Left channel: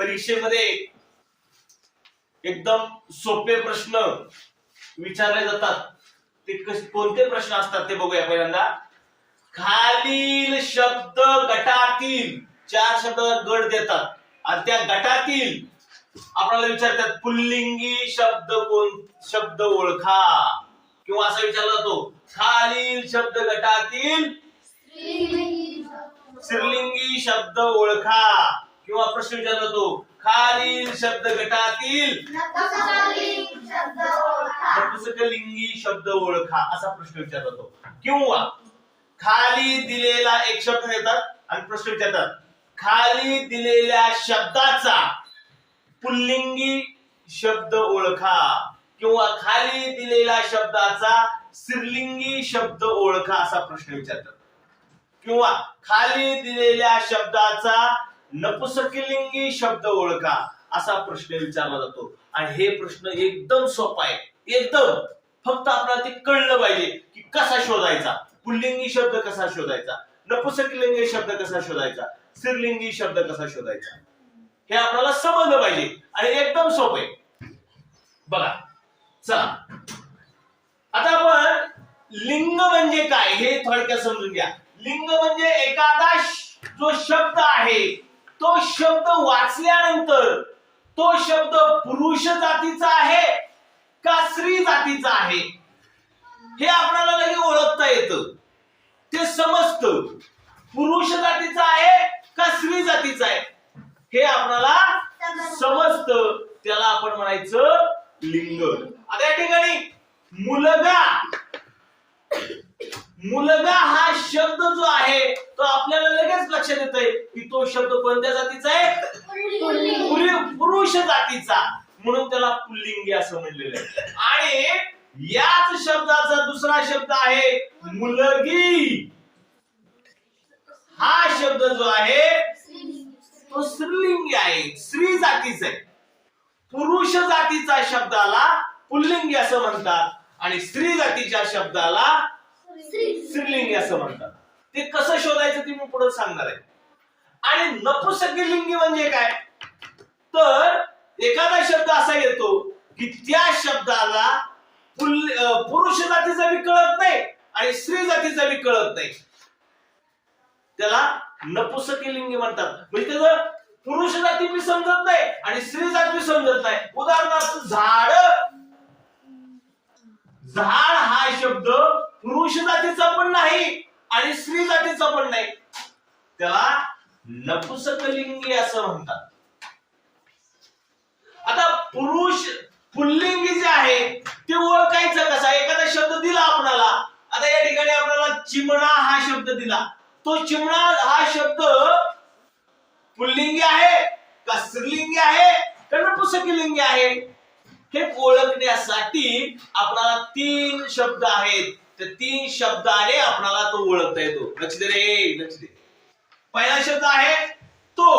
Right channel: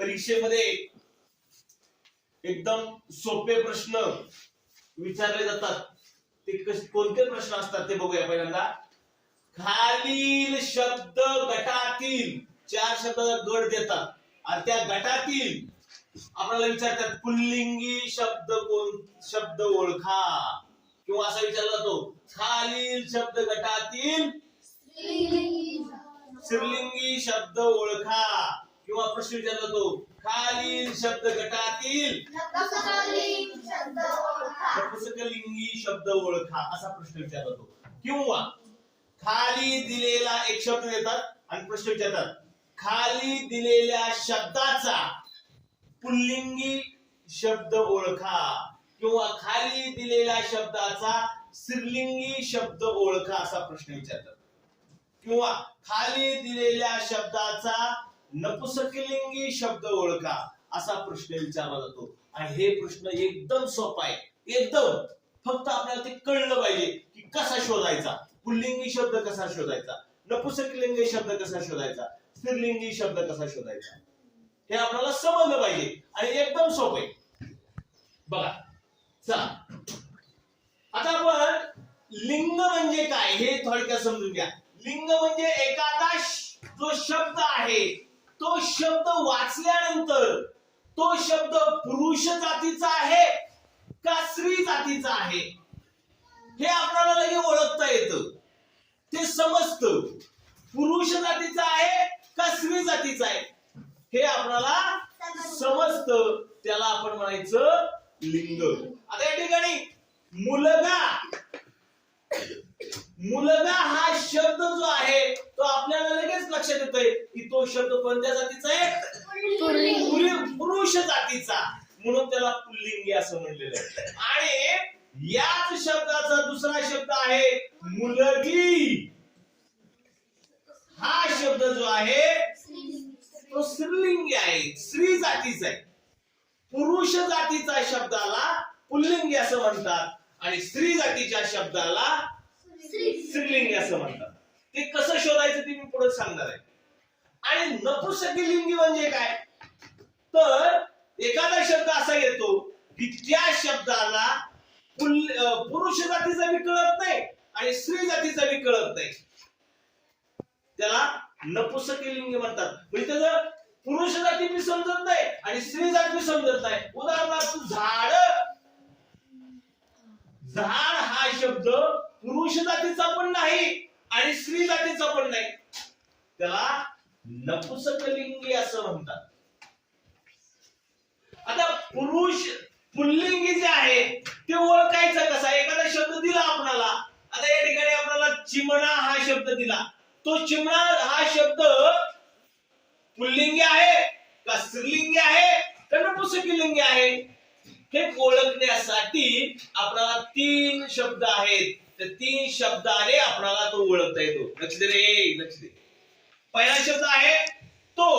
परीक्षेमध्ये एकदम सोपे प्रश्न विचारले जातात ते कोणते प्रश्न असतात ते बघूया पहिल्यांदा. खालील शब्द गटातील 4 शब्द गट देतात आणि त्या गटातील आपल्याला विचारतात पुल्लिंगी शब्द ओळखा किंवा असा विचारला जातो खालील शब्द गटातील स्त्रीलिंगी शब्द ओळखा किंवा प्रश्न विचारला जातो खालील शब्द गटातील नपुंसकलिंगी शब्द ओळखा असा प्रश्न विचारला जातो. किंवा खाली दिलेला एक शब्द देतात आणि प्रश्न विचारतात खाली दिलेल्या शब्दाचा पुल्लिंगी शब्द ओळखा किंवा खाली दिलेल्या शब्दाचा स्त्रीलिंगी शब्द ओळखा असा प्रश्न विचारतात. किंवा खाली दिलेल्या शब्दाचा नपुंसकलिंगी शब्द ओळखा असा प्रश्न विचारला जातो. आणि हे प्रश्न एकदम सोपा आहे, एकदम. फक्त आपल्याला ते कळलं पाहिजे की कसा शोधायचा, पुल्लिंगी शब्द कसा शोधायचा, नपुंसकलिंगी शब्द कसा शोधायचा, स्त्रीलिंगी शब्द कसा शोधायचा हे आपल्याला समजलं पाहिजे आणि एकदम सोपं आहे. बघा चला आता आपण लिंग म्हणजे काय हे थोडक्यात समजून घ्या. लिंग म्हणजे एखादा जो शब्द आहे तो शब्द वाचल्यानंतर तो शब्द पुरुष जातीचा आहे का स्त्री जातीचा आहे हे आपल्याला लगेच ओळखता येतं, ते समजतं. पुरुष जातीचा आहे का स्त्री जातीचा आहे हे आपल्याला समजतं, त्याला आपण म्हणायचं लिंग. आता या ठिकाणी मुलगा हा शब्द जो आहे तो आपल्याला लगेच लक्षात येतोय की तो शब्द कोणत्या जातीचा आहे, पुरुष जातीचा, म्हणून त्याला पुल्लिंगी असं म्हणलेलं आहे. आणि याच शब्दाचा दुसरा शब्द आहे मुलगी. हा शब्द जो आहे तो स्त्रीलिंगी आहे, स्त्री जातीचा आहे. पुरुष जातीच्या शब्दाला पुल्लिंगी असं म्हणतात आणि स्त्री जातीच्या शब्दाला स्त्रीलिंगी असं म्हणतात. ते कसं शोधायचं ते मी पुढे सांगणार आहे. आणि नपुंसकलिंगी म्हणजे काय, तर एखादा शब्द असा येतो की त्या शब्दाला पुरुष जातीचा बी कळत नाही आणि स्त्री जातीचा बी कळत नाही, त्याला नपुंसकलिंगी म्हणतात. म्हणजे त्याचं पुरुष जाती बी समजत नाही आणि स्त्री जाती बी समजत नाही. उदाहरणार्थ झाड हा शब्द पुरुष जातीचा पण नाही आणि स्त्री जातीचा पण नाही, त्याला नपुंसकलिंगी असं म्हणतात. आता पुल्लिंगी जे आहे ते ओळखायचं कसा, एखादा शब्द दिला आपल्याला. आता या ठिकाणी आपल्याला चिमणा हा शब्द दिला, तो चिमणा हा शब्द पुल्लिंगी आहे का स्त्रीलिंगी आहे का नपुंसकलिंगी आहे हे ओळखण्यासाठी आपल्याला 3 शब्द आहेत. त्या 3 शब्दाने आपल्याला तो ओळखता येतो. लक्ष दे रे, लक्ष दे. पहिला शब्द आहे तो,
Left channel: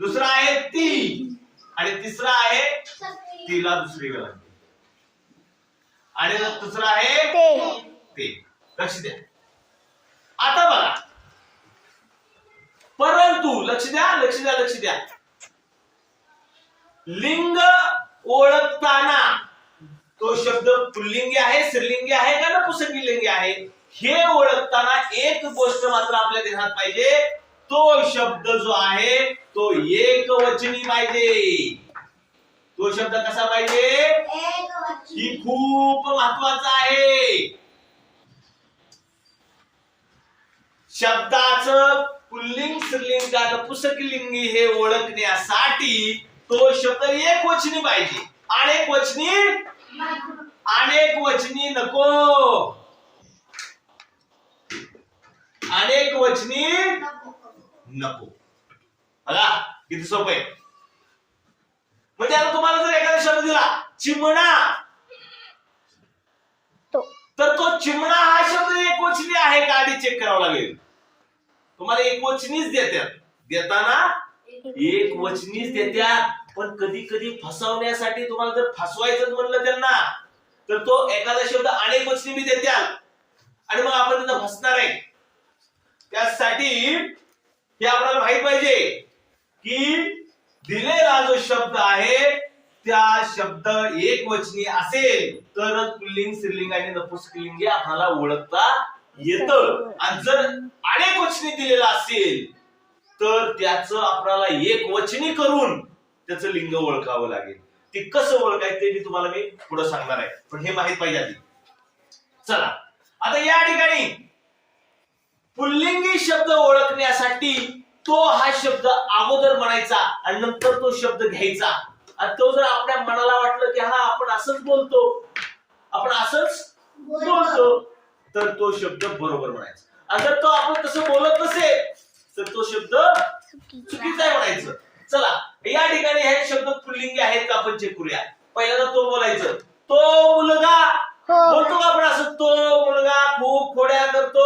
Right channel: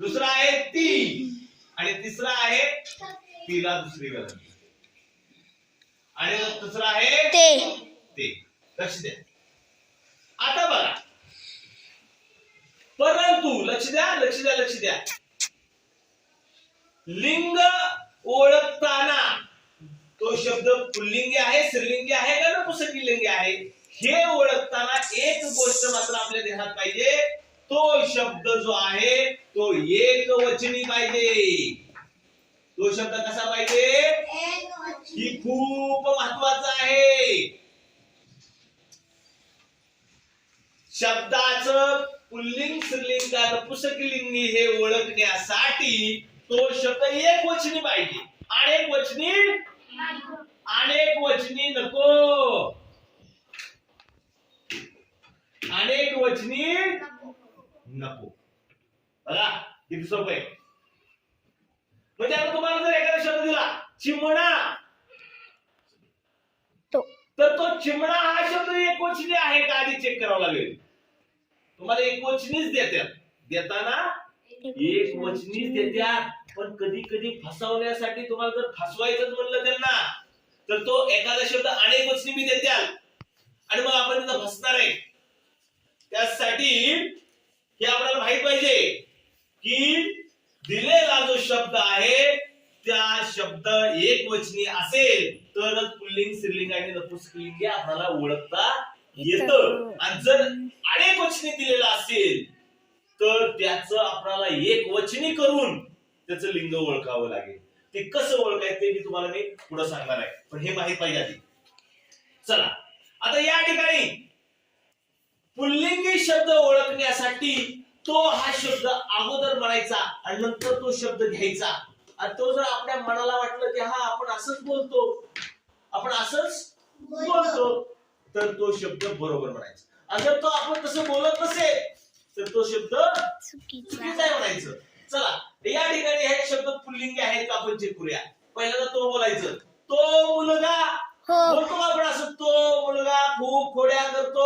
दुसरा आहे ती आणि तिसरा आहे तिला दुसरी वेळ आणि दुसरा आहे ते. लक्ष द्या. आता बघा, परंतु लक्ष द्या, लिंग ओळखताना तो शब्द पुल्लिंगी आहे, स्त्रीलिंगी आहे का नपुंसकलिंगी आहे हे ओळखताना एक गोष्ट मात्र आपल्या ध्यानात पाहिजे, तो शब्द जो आहे तो एकवचनी पाहिजे. तो शब्द कसा पाहिजे ही खूप महत्वाचं आहे. शब्दाचं पुल्लिंग स्त्रीलिंग का नपुंसकलिंगी हे ओळखण्यासाठी तो शब्द एकवचनी पाहिजे. अनेक वचनी नको, अनेक वचनी नको. बघा किती सोपं आहे. म्हणजे आता तुम्हाला जर एखादा शब्द दिला चिमणा, तर तो चिमणा हा शब्द एकवचनी आहे का आधी चेक करावं लागेल. तुम्हाला एकवचनीच देतात, देताना एकवचनीच देतात. पण कधी कधी फसवण्यासाठी तुम्हाला जर फसवायचं म्हणलं त्यांना तर तो एखादा शब्द अनेक वचनी बी देतात आणि मग आपण त्यांना फसणार आहे. त्यासाठी हे आपल्याला माहित पाहिजे की दिलेला जो शब्द आहे त्या शब्द एकवचनी असेल तरच पुल्लिंग, स्त्रीलिंग आणि नपुंसकलिंग हे आपल्याला ओळखता येतं. आणि जर अनेकवचनी दिलेला असेल तर त्याचं आपल्याला एकवचनी करून त्याचं लिंग ओळखावं लागेल. ते कसं ओळखायचं ते मी तुम्हाला पुढे सांगणार आहे, पण हे माहित पाहिजे आधी. चला आता या ठिकाणी पुल्लिंगी शब्द ओळखण्यासाठी तो हा शब्द अगोदर म्हणायचा आणि नंतर तो शब्द घ्यायचा. आणि तो जर आपल्या मनाला वाटलं की हा आपण असंच बोलतो, आपण असंच बोलतो, तर तो शब्द बरोबर म्हणायचा. आणि जर तो आपण तसं बोलत नसेल तर तो शब्द चुकीचा आहे म्हणायचं. चला या ठिकाणी हे शब्द पुल्लिंगी आहेत का आपण चेक करूया. पहिल्यांदा तो बोलायचं, तो मुलगा बोलतो का आपण असं, तो मुलगा खूप खोड्या करतो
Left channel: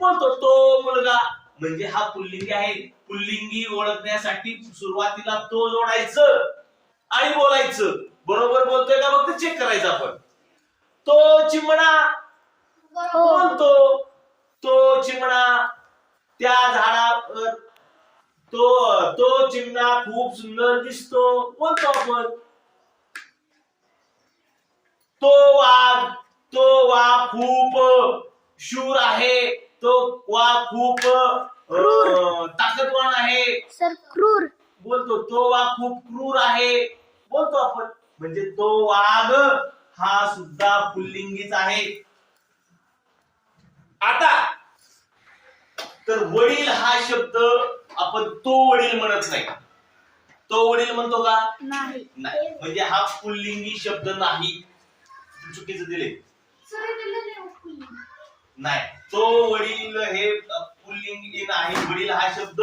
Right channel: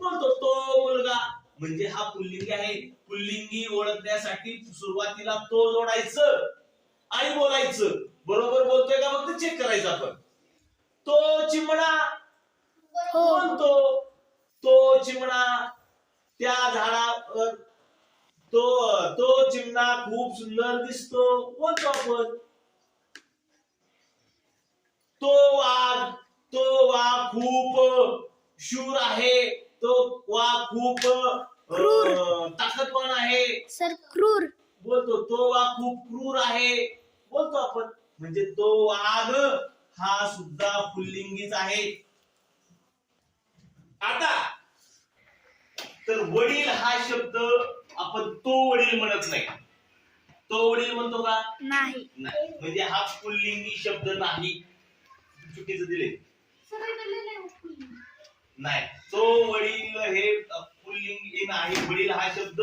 बोलतो, तो मुलगा म्हणजे हा पुल्लिंगी आहे. पुल्लिंगी ओळखण्यासाठी सुरुवातीला तो जोडायचं आणि बोलायचं. बरोबर बोलतोय का फक्त चेक करायचं आपण. तो चिमणा बोलतो, तो चिमणा त्या झाडावर, तो चिमणा खूप सुंदर दिसतो बोलतो आपण. तो वाघ खूप शूर आहे, तो वाघ खूप ताकदवान आहे सर, क्रूर बोलतो. तो वाघ खूप क्रूर आहे बोलतो आपण. म्हणजे तो वाघ हा सुद्धा पुल्लिंगीच आहे. आता तर वडील हा शब्द आपण तो वडील म्हणत नाही. तो वडील म्हणतो का? नाही. म्हणजे हा पुल्लिंगी शब्द नाही. चुकीचं दिले नाही. तो वडील हे पुल्लिंगी नाही. वडील हा शब्द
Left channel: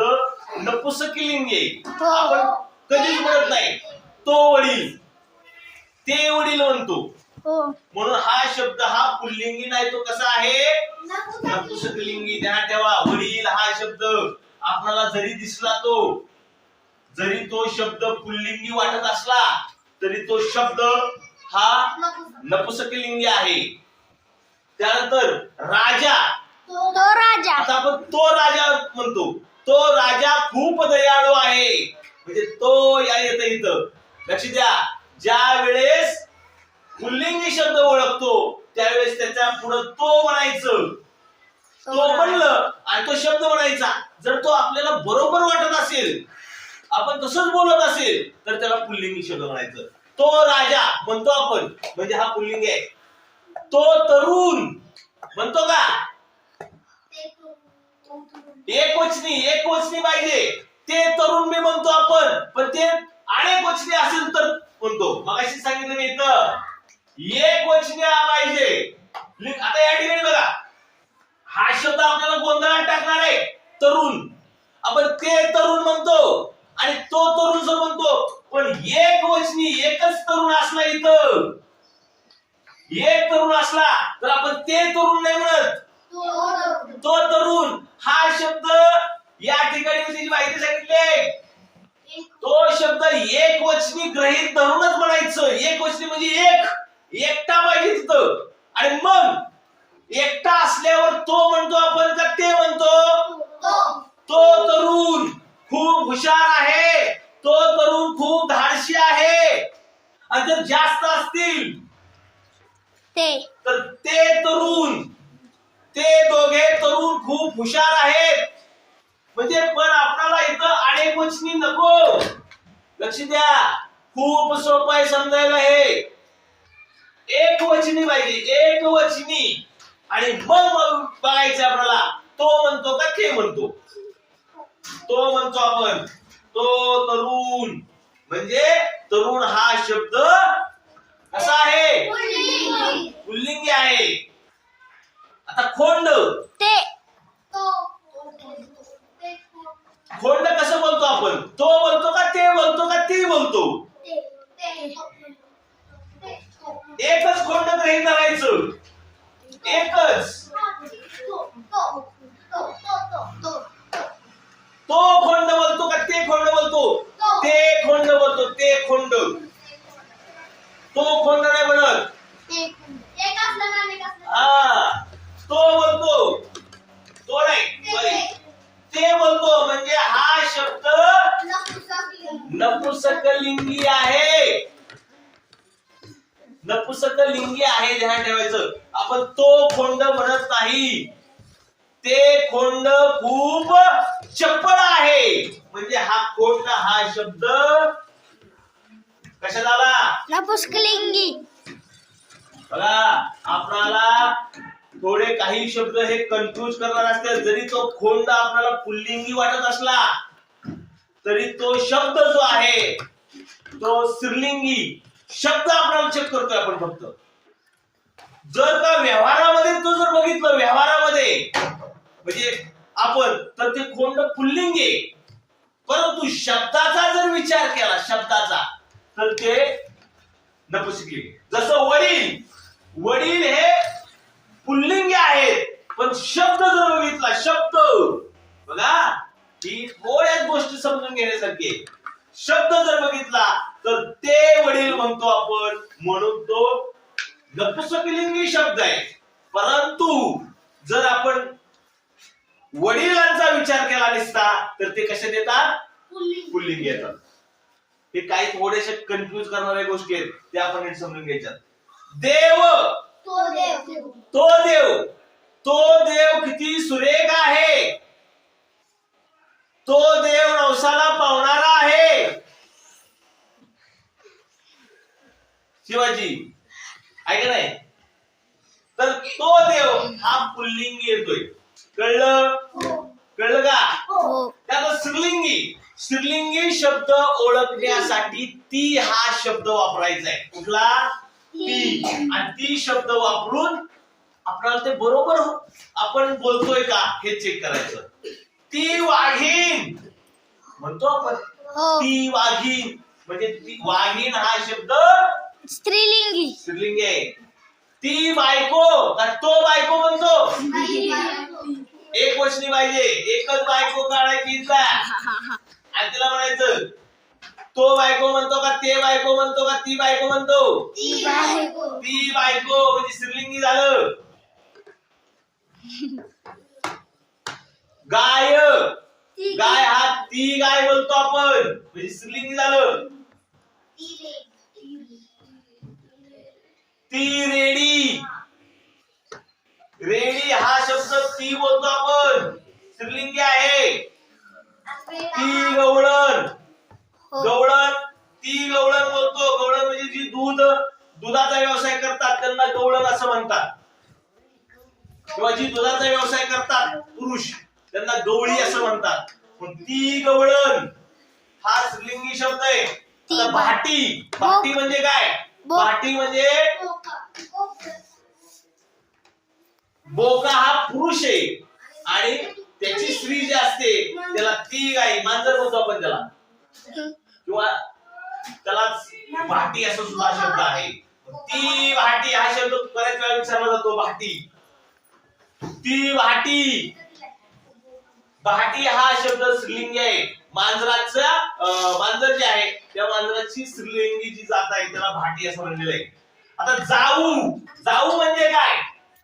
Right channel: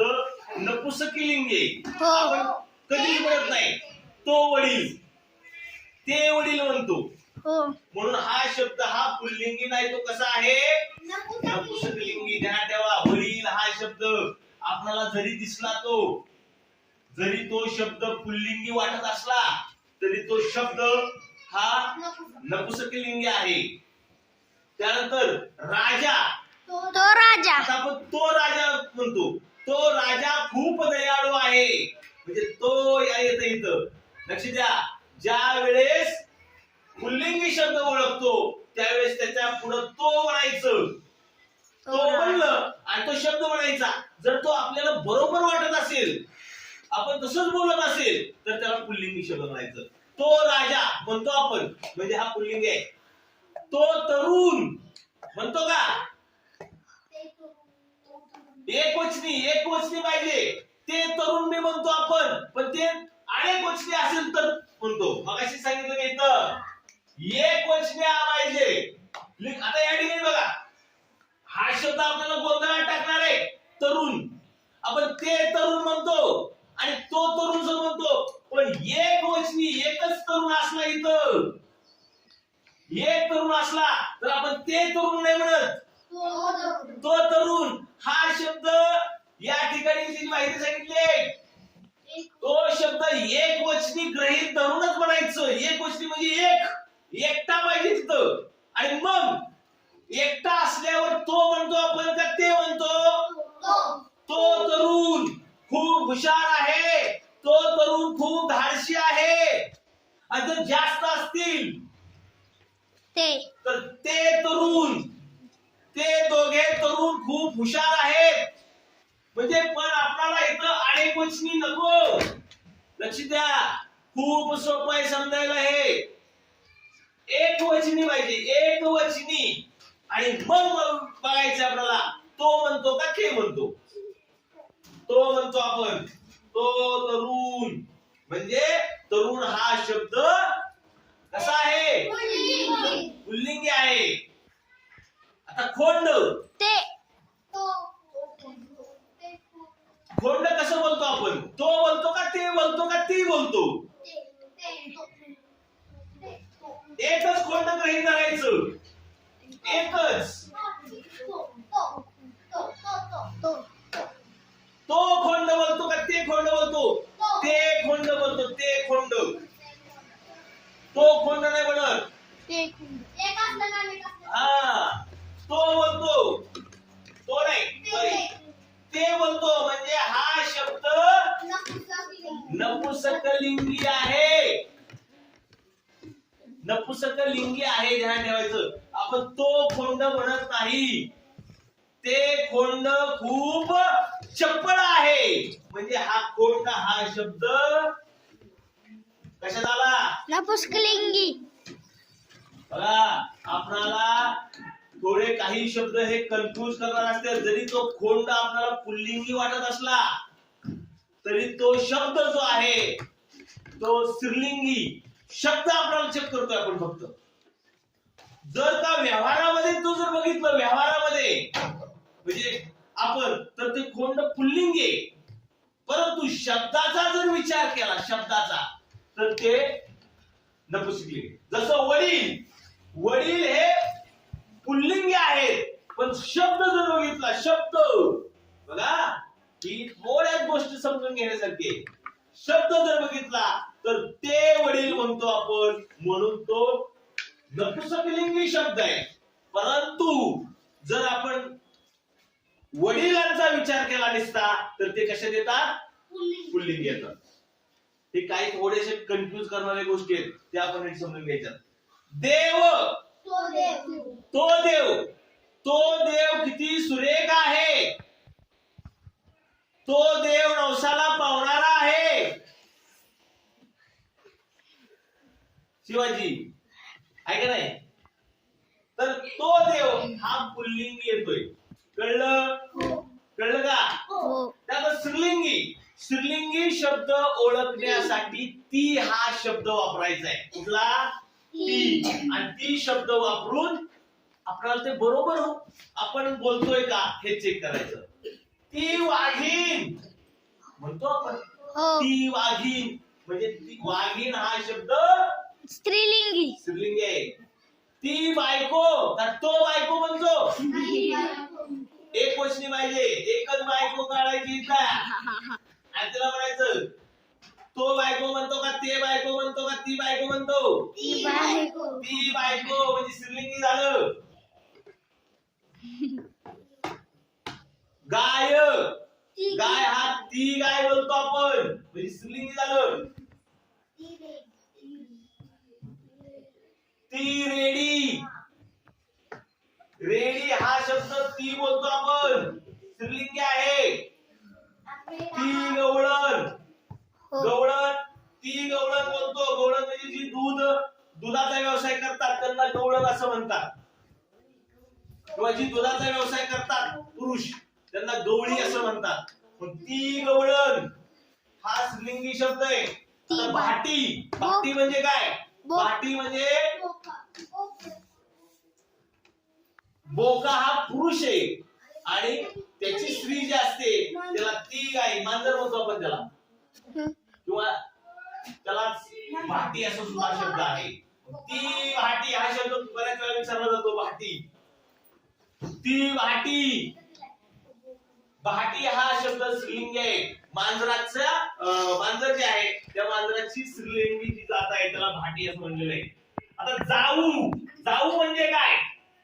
नपुंसकलिंगी आहे. आपण कधीच म्हणत नाही तो वडील, ते वडील म्हणतो. म्हणून हा शब्द हा पुल्लिंगी नाही, तो कसा आहे? नपुंसकलिंगी. ध्यानात ठेवा, वडील हा शब्द आपल्याला जरी दिसला, जरी तो शब्द पुल्लिंगी वाटत असला तरी तो शब्द हा नपुंसकलिंगी आहे. त्यानंतर राजा, तो राजा. आता आपण तो राजा म्हणतो. तो राजा खूप दयाळू आहे. म्हणजे तो येतं इथं. लक्ष द्या, ज्या वेळेस पुल्लिंगी शब्द ओळखतो त्यावेळेस त्याच्या पुढे तो म्हणायचं. तो म्हणलं आणि तो शब्द म्हणायचा. जर तो आपल्याला बरोबर वाटत असेल, आपण तसंच बोलत असेल, तर त्याला पुल्लिंगी शब्द म्हणायचं. तो राजा म्हणतो आपण म्हणजे हा पुल्लिंगी आहे. तो तरुण म्हणतो का? एकवचनी पाहिजे. ते तरुण मी म्हणतो आपण, पण ते अनेकवचनी असेल तर म्हणतो. मगाशी सांगितलं मी इथं एकवचनी पाहिजे. आता या ठिकाणी बघा, हा शब्द आपल्याला गोंधळात टाकणार आहे. तरुण, आपण ते तरुण म्हणतो आणि तो तरुण जो म्हणतो, पण एकवचनी एकच तरुण असला, इथं एक तरुण असला तर आपण ते तरुण नाही म्हणत, तो तरुण. हा शब्द या ठिकाणी त्याची माहिती सांगितली. तो शब्द एकवचनी गृहीत धरूनच म्हणायचं. एकवचनी म्हणजे एकटा पाहिजे तिथं. आणि मग एकटा असल्यावर तो म्हणतो आपण का ते म्हणतो? तो तरुण खूप हुशार आहे, तो तरुण खूप धाडशी आहे. आणि जर जास्त असतील तर ते तरुण, ते दोघे तरुण खूप हुशार आहेत. म्हणजे पण आपल्याला इथं अनेकवचनी नको. लक्ष द्या, खूप सोपं आहे समजायला. हे एकवचनी पाहिजे, एकवचनी. आणि मग बघायचं आपल्याला तो म्हणतो का ते म्हणतो. तो म्हणतो आपण, तो तरुण म्हणजे तरुण हा शब्द कसा आहे? पुल्लिंगी आहे. आता खोंड, खोंड कसं बोलतो आपण? तो बोलतो का ते बोलतो का ते बोलतो? एकच खोंड गृहीत धरायचं. एकच. तो खोंड बोलतो का ते खोंड बोलतो? ते खोंड बोलतो. ते खोंड. तो खोंड नाही म्हणत. हा, तो बोलतो. तो नाही, ते बोलतो. नपुसकलिंगी आहे. नपुसकलिंगी आहे, ध्यान ठेवायचं. आपण तो खोंड म्हणत नाही. ते खोंड खूप चपळ आहे. म्हणजे हा खोंड हा शब्द कशात आला? नपुसकलिंगी. बघा, आपणाला थोडे काही शब्द हे कन्फ्यूज करणार असतात. जरी तो खोंड आपल्याला पुल्लिंगी वाटत असला तरी तो शब्द जो आहे तो स्त्रीलिंगी शब्द आपल्याला चेक करतोय आपण फक्त. जर का व्यवहारामध्ये तो जर बघितलं, व्यवहारामध्ये म्हणजे आपण, तर ते खोंड पुल्लिंगी आहे. परंतु शब्दाचा जर विचार केला, शब्दाचा, तर ते नपुसकलिंगी. जसं वडील, वडील हे पुल्लिंगी आहेत, पण शब्द जर बघितला, शब्द बघा, ही थोड्याच गोष्टी समजून घेण्यासारखी आहे. शब्द जर बघितला तर ते वडील म्हणतो आपण, म्हणून तो नपुसकलिंगी शब्द आहे. परंतु जर आपण वडिलांचा विचार केला नसता तर ते कशात येतात? पुल्लिंगी येतात. हे काही थोडेसे कन्फ्यूज करणाऱ्या गोष्टी आहेत, ते आपण नीट समजून घ्यायच्या. देव, तो देव, तो देव किती सुरेख आहे. तो देव नवसाला पावणारा आहे. शिवाजी आहे का नाही? तर तो देव हा पुल्लिंगी येतोय. कळलं? कळलं का? त्यात स्त्रीलिंगी, स्त्रीलिंगी शब्द ओळखण्यासाठी ती हा शब्द वापरायचा आहे. कुठला? ती. आणि ती शब्द वापरून आपल्याला ते बरोबर आपण बोलतोय का हे चेक करायचं. ती वाघीण म्हणतो आपण. ती वाघीण म्हणजे ती वाघीण हा शब्द स्त्रीलिंगी, स्त्रीलिंगी आहे. ती बायको का तो बायको म्हणतो? एक वचनी पाहिजे, एकच बायको काढायची का? आणि तिला म्हणायचं तो बायको म्हणतो का ते बायको म्हणतो का ती बायको म्हणतो? ती बायको म्हणजे स्त्रीलिंगी झालं. गाय, गाय हा ती गाय बोलतो आपण, म्हणजे स्त्रीलिंगी झालं. ती रेडी, रेडी हा शब्द ती बोलतो आपण, स्त्रीलिंगी आहे. ती गवळण, गवळण, ती गवळण बोलतो. गवळण म्हणजे जी दुधाचा व्यवसाय करतात त्यांना गवळण असं म्हणतात. किंवा जी दुधाचा व्यवसाय करतात पुरुष त्यांना गवळी असं म्हणतात. पण ती गवळण हा स्त्रीलिंगी शब्द आहे. आता भाटी, भाटी म्हणजे काय? भाटी म्हणजे बोका हा पुरुष आहे आणि त्याची स्त्री जी असते त्याला ती गाय, मांजर म्हणतो आपण त्याला, किंवा त्याला भाटी असं सुद्धा शब्द आहे. ती भाटी हा शब्द बऱ्याच वेळा विचारला जातो. भाटी, ती भाटी, भाटी हा शब्द स्त्रीलिंगी आहे. मांजर जे आहे त्या मांजराची स्त्रीलिंगी जी जात आहे त्याला भाटी असं म्हणलेलं आहे. आता जाऊ, जाऊ म्हणजे काय?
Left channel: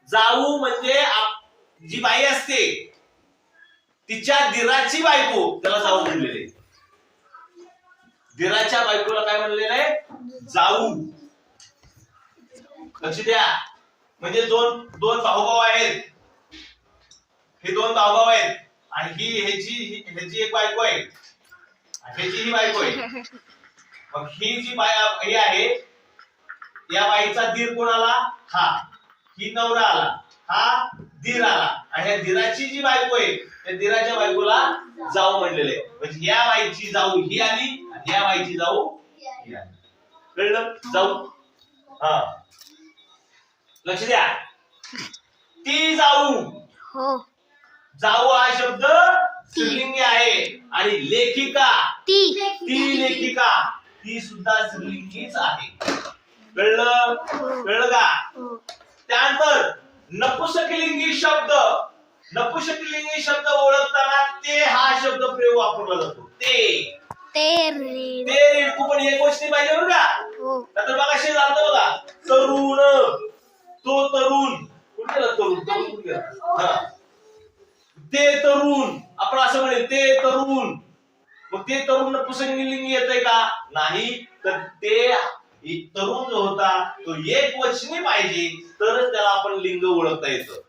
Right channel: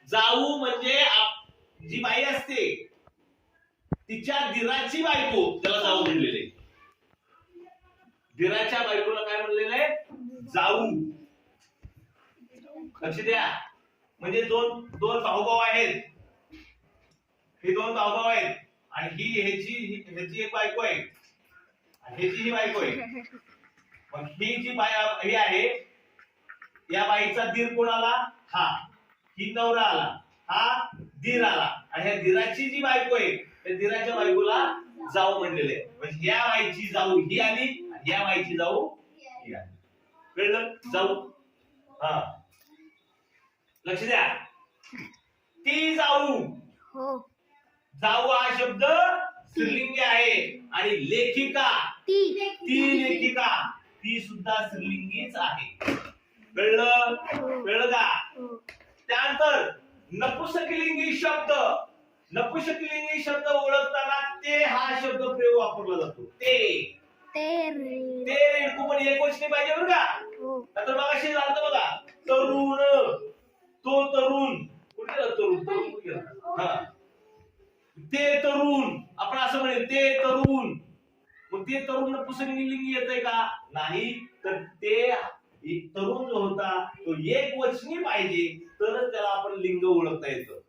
जाऊ म्हणजे जी बाई असते तिच्या दिराची बायको त्याला जाऊ म्हणलेले. दिराच्या बायकोला काय म्हणलेलं आहे? जाऊ. लक्ष द्या. म्हणजे दोन भाऊभाऊ आहेत. हे दोन भाऊभाऊ आहेत आणि ह्याची एक बायको आहे, ह्याची ही बायको आहे. मग ही जी ही आहे या बाईचा दीर कोण आला? हा. ही नवरा आला, हा दीर आला. आणि या दीराची जी बायको आहे त्या दीराच्या बायकोला जाऊ म्हणलेले. म्हणजे या बाईची जाऊ ही आली आणि या बाईची जाऊ ही आली. कळलं? जाऊ. हा, लक्ष द्या. ती जाऊ, जाऊ हा शब्द स्त्रीलिंगी आहे. आणि लेखिका, ती लेखिका, ती सुद्धा स्त्रीलिंगीच आहे. कळलं? कळलं का? त्यानंतर नपुसकलिंगी शब्द, नपुसकलिंगी शब्द ओळखताना ते हा शब्द प्रयोग वापरला जातो. ते रेडकू पण एक गोष्टी पाहिजे बरं का. आता बघा शे झालं बघा, तरुण, तो तरुण, कुठे गेला तरुण? कुठे गेला? ते तरुण, आपण असं म्हणेल ते तरुण. मग ते तरुण नपुसकलिंगी येतंय का? नाही. तर ते तरुण जो होता तो एक वचनी पाहिजे, तरच त्याला आपण लिंग ओळखता येतं.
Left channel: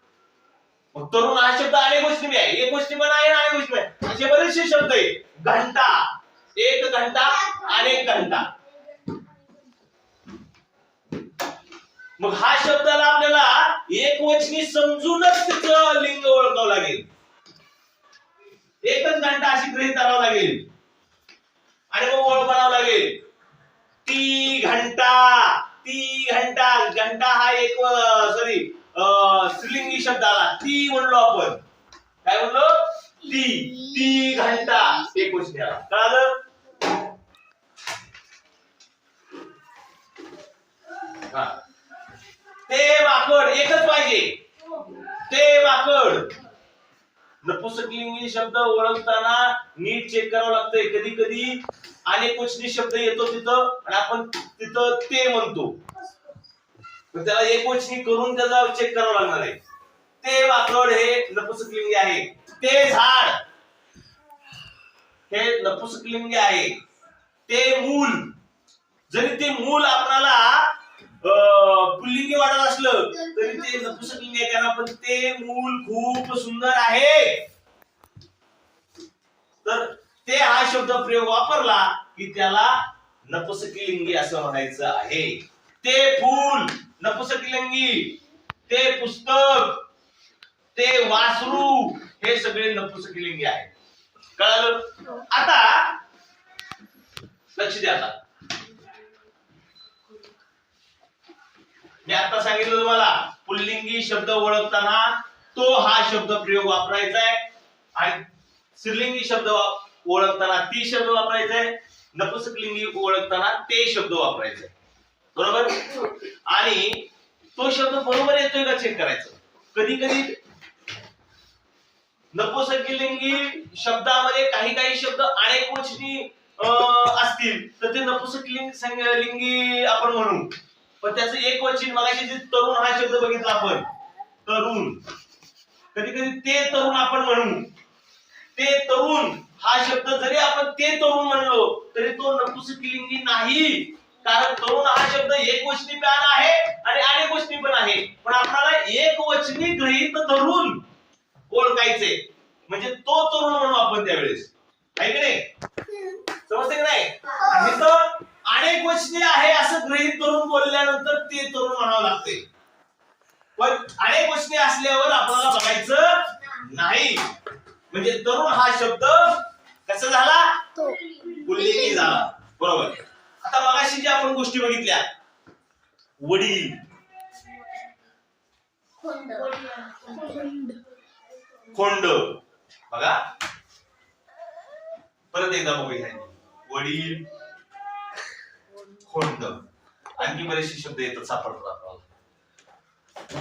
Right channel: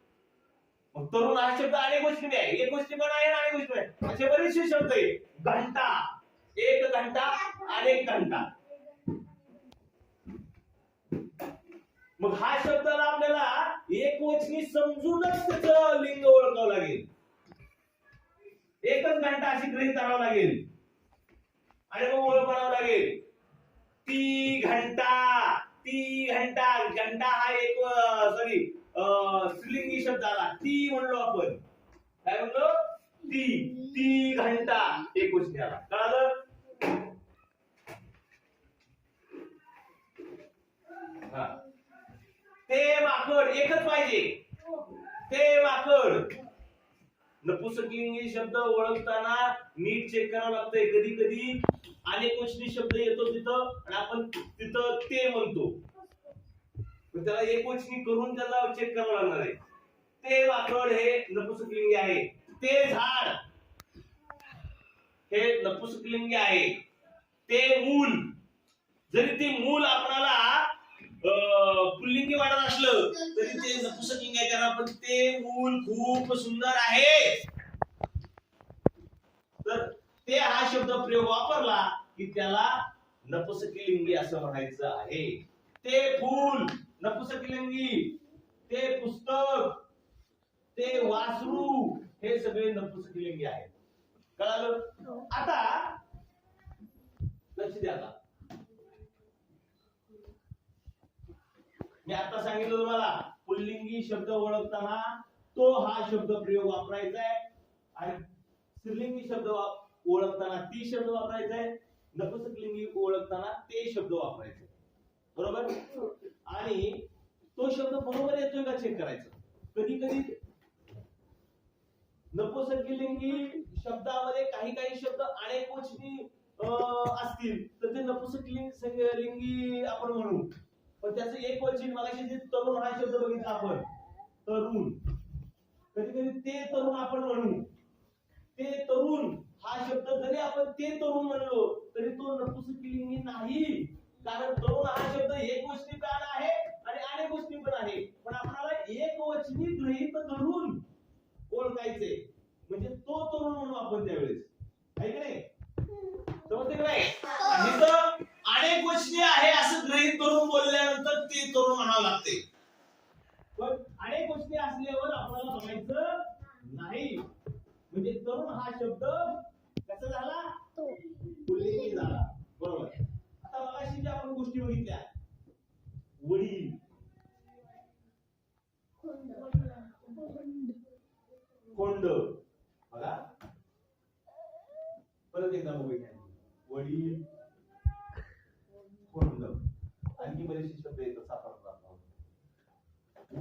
मग तरुण हा शब्द अनेक गोष्टी आहे, एक गोष्टी पण आहे आणि अनेक गोष्टी आहे, असे बरेचसे शब्द आहे. घंटा, एक घंटा, अनेक घंटा. मग हा शब्दाला आपल्याला एक वचनी समजूनच त्याचं लिंग ओळखावं लागेल. एकच घंटा अशी गृहीत धरावं लागेल आणि मग ओळख बनावं लागेल. ती घंटा, ती घंटा. घंटा हा एक स्त्रीलिंगी शब्द आला. ती म्हणलो आपण. काय म्हणलो? ती घंटा एक वचनी आला. कळालं? हा. ते माकड एकच पाहिजे. ते माकड. नपुसकलिंगी शब्द ओळखताना नीट चेक करावं लागतंय. कधी कधी अनेक वचनी शब्द येतो तिथं आणि आपण तिथं ते म्हणतो, त्याला एक वचनी करून त्याचा चेक करावं लागणार आहे. ते माकड हे नपुसकलिंगी आहे. ते झाड हे नपुसकलिंगी आहे. ते मूल, जरी ते मूल आपल्याला पुल्लिंगी वाटत असलं तरी ते नपुसकलिंगी आहे, कारण आपण ते मूल खूप सुंदर आहे. तर ते हा शब्द प्रयोग वापरला की त्याला नपुसकलिंगी असं म्हणायचं आहे. ते फूल नपुसकलिंगी, ते पुस्तक, ते वासरू हे सगळे नपुसकलिंगी आहे. कळालं? आता लक्ष द्या. आता मी आता सांगितलं तुम्हाला, पुल्लिंगी शब्द ओळखताना तो हा शब्द प्रयोग वापरायचा आहे आणि स्त्रीलिंगी शब्द ओळखताना ती शब्द वापरायचा आहे, नपुसकलिंगी ओळखताना ते शब्द वापरायचे. बरोबर? आणि तो शब्द बरोबर येतोय का चेक करायचं. कधी कधी नपुसकलिंगी शब्दामध्ये काही शब्द अनेक वचनी असतील तर ते नपुसकलिंगी आपण म्हणू. पण त्याचं एक वचन, मगाशी जे तरुण हा शब्द बघितला आपण, तरुण, कधी कधी ते तरुण आपण म्हणू. ते तरुण हा शब्द जरी आपण ते तरुण म्हणलो तरी तो नपुसकलिंगी नाही, कारण तरुण हा शब्द एक वचनी पण आहे आणि अनेक वचनी पण आहे. पण आपल्याला एक वचनी गृहीत धरून ओळखायचे, म्हणजे तो तरुण म्हणू आपण त्यावेळेस. आहे की नाही? समजते की नाही? आणि तो अनेक वचनी आहे असं गृहीत धरून बोलल्यानंतर ते तरुण म्हणावं लागते. पण अनेक वचनी असल्यावर आपल्याला बघायचं नाही, म्हणजे तरुण हा शब्द कसा झाला? पुल्लिंगी झाला. बरोबर? आता मगाशी जी आपण गोष्टी बघितल्या, वडील, खोंड, बघा परत एकदा बघूया. वडील, खोंड, आणखी बरेचसे शब्द येतात, सापडतात आपल्याला.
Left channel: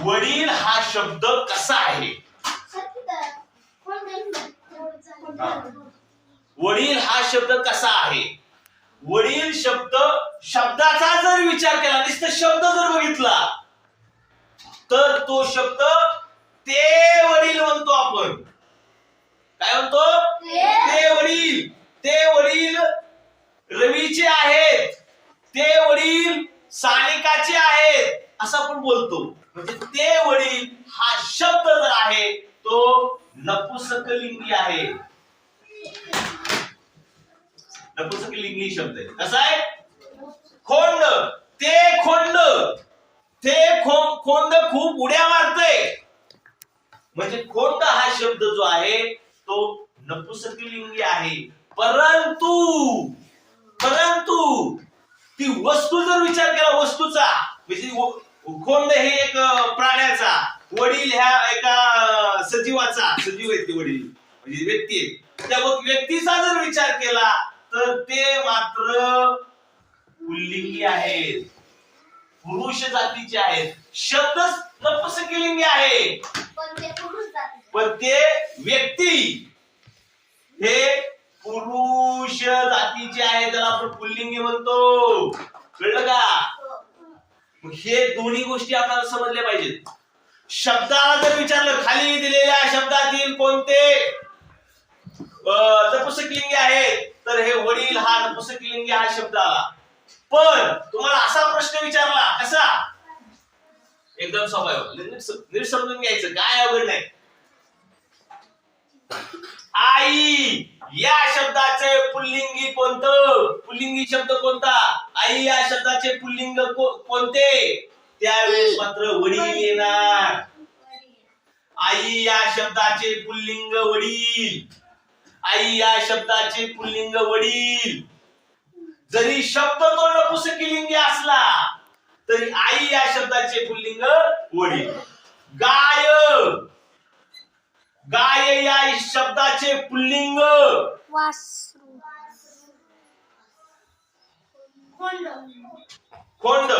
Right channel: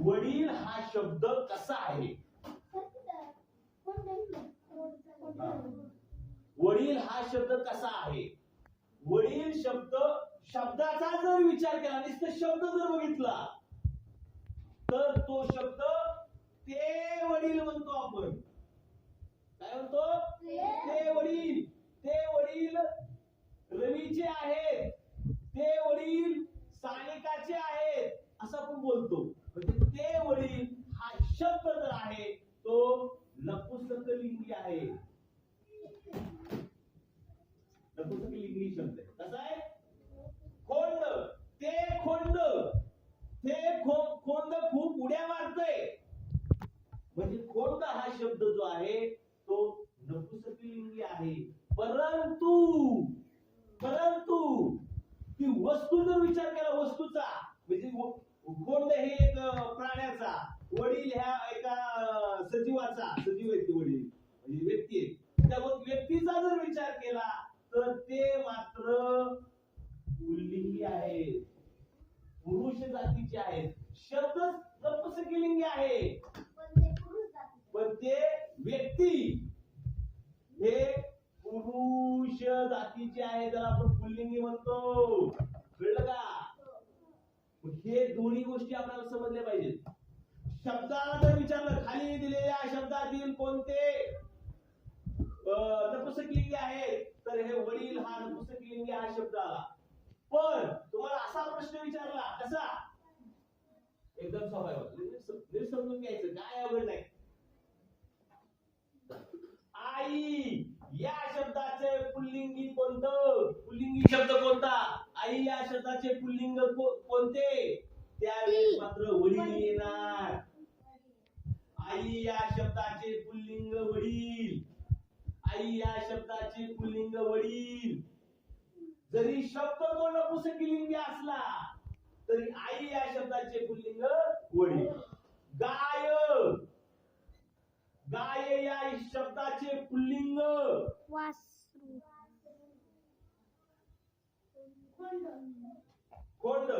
वडील हा शब्द कसा आहे? वडील हा शब्द कसा आहे? वडील शब्दाचा जर विचार केला, नुसतं शब्द जर बघितला तर तो शब्द ते वडील म्हणतो आपण. काय म्हणतो? ते वडील. ते वडील रवीचे आहेत, ते वडील सानिकाचे आहेत असं आपण बोलतो. म्हणजे ते वडील हा शब्द जर आहे तो नपुसकलिंगी आहे. नपुसकलिंगी शब्द आहे. कसा आहे? खोंड, ते खोंड, ते खोंड खूप उड्या मारतय. म्हणजे खोंड हा शब्द जो आहे तो नपुसकलिंगी आहे. परंतु ती वस्तू जर विचार केला, वस्तूचा, म्हणजे खोंड हे एक प्राण्याचा, वडील ह्या एका सजीवाचा, सजीव आहेत ते वडील म्हणजे व्यक्ती आहे, त्या व्यक्तीचा जर विचार केला तर ते मात्र पुल्लिंगी आहेत, पुरुष जातीचे आहेत. शब्द नपुसकलिंगी आहे पण ते व्यक्ती हे पुरुष जातीचे आहे, त्याला आपण पुल्लिंगी म्हणतो. कळलं का? हे दोन्ही गोष्टी आपल्याला समजल्या पाहिजेत. शब्दाला जर विचारलं खाली दिलेल्या शब्दातील कोणते नपुसकलिंगी आहेत तर हे वडील हा नपुंसकलिंगी हा शब्द आला. पण तुम्हाला असा प्रश्न विचारला कसा, एकदम सोपा आहे, नीट समजून घ्यायचं, काय अवघड नाही. आई या शब्दाचे पुल्लिंगी कोणतं, पुल्लिंगी शब्द कोणता, आई या शब्दाचे पुल्लिंग कोणते, त्यावेळेस मात्र वडील येणार. आई या शब्दाचे पुल्लिंग वडील, आई या शब्दाचे पुल्लिंग वडील. जरी शब्द तो नपुंसकलिंगी असला तरी आई या शब्दाचे पुल्लिंग वडील. गाय, गाय या शब्दाचे पुल्लिंग वासरू. कोंड,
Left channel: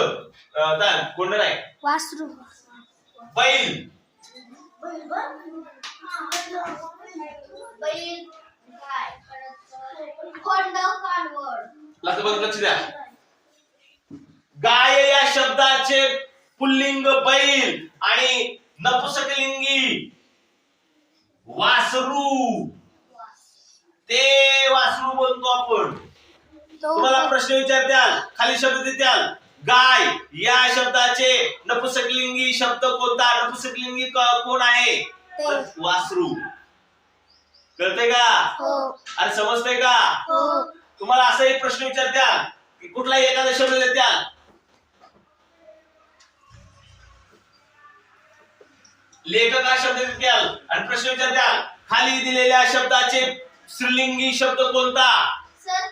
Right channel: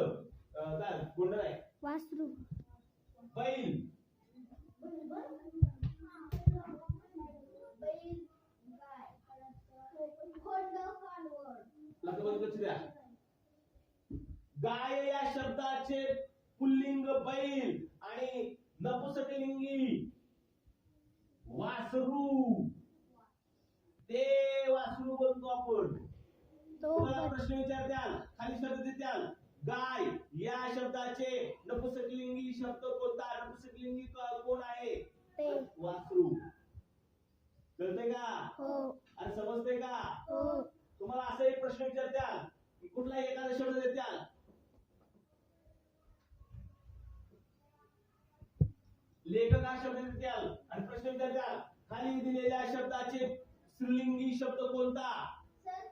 कोंड नाही, वासरू. बैल, लक्ष द्या. गाय या शब्दाचे पुल्लिंग बैल आणि नपुंसकलिंगी वासरू. ते वासरू बोलतो आपण. तुम्हाला प्रश्न विचारत्याल, खाली शब्द देत्याल, गाय या शब्दाचे नपुंसकलिंगी शब्द कोणता, नपुंसकलिंगी कोण आहे, वासरू. कळतंय का? अरे समजतंय का? तुम्हाला असा एक प्रश्न विचारत्याल की कुठलाही एखादा शब्द देत्याल, लेखक हा शब्द देत्याल आणि प्रश्न विचारत्याल खाली दिलेल्या शब्दाचे स्त्रीलिंगी शब्द कोणता,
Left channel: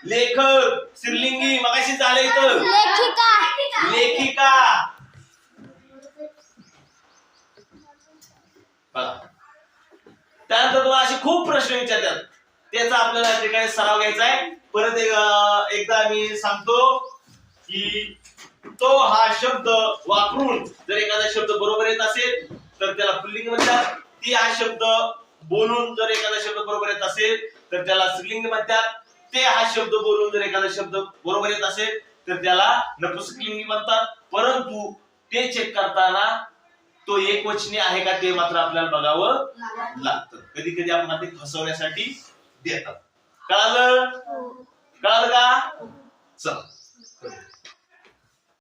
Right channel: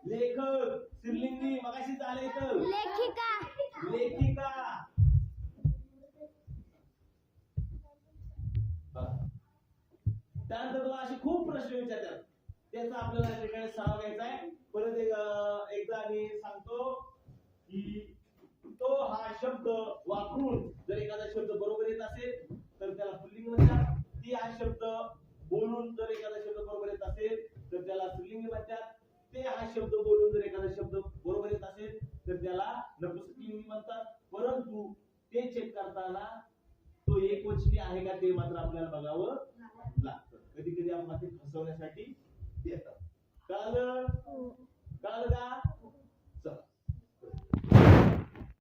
लेखक स्त्रीलिंगी मगाशी झालं इथं, लेखिका. लेखिका. त्यानंतर तुम्हाला असे खूप प्रश्न विचारतात, त्याचा आपल्याला या ठिकाणी सराव घ्यायचा आहे. परत एकदा मी सांगतो की तो हा शब्द वापरून जर एखादा शब्द बरोबर येत असेल तर त्याला पुल्लिंग म्हणतात. ती हा शब्द बोलून जर एखादा शब्द बरोबर येत असेल तर त्याला स्त्रीलिंग म्हणतात. ते हा शब्द बोलून जर एखादा शब्द बरोबर येत असेल तर त्याला नपुंसकलिंगी म्हणतात. परंतु ते चेक करताना तो एकवचनी आहे का ते मात्र आपल्याला बघावं लागतं. कधी कधी आपण ते फसवण्यासाठी देतात. कळालं? कळालं का? चला.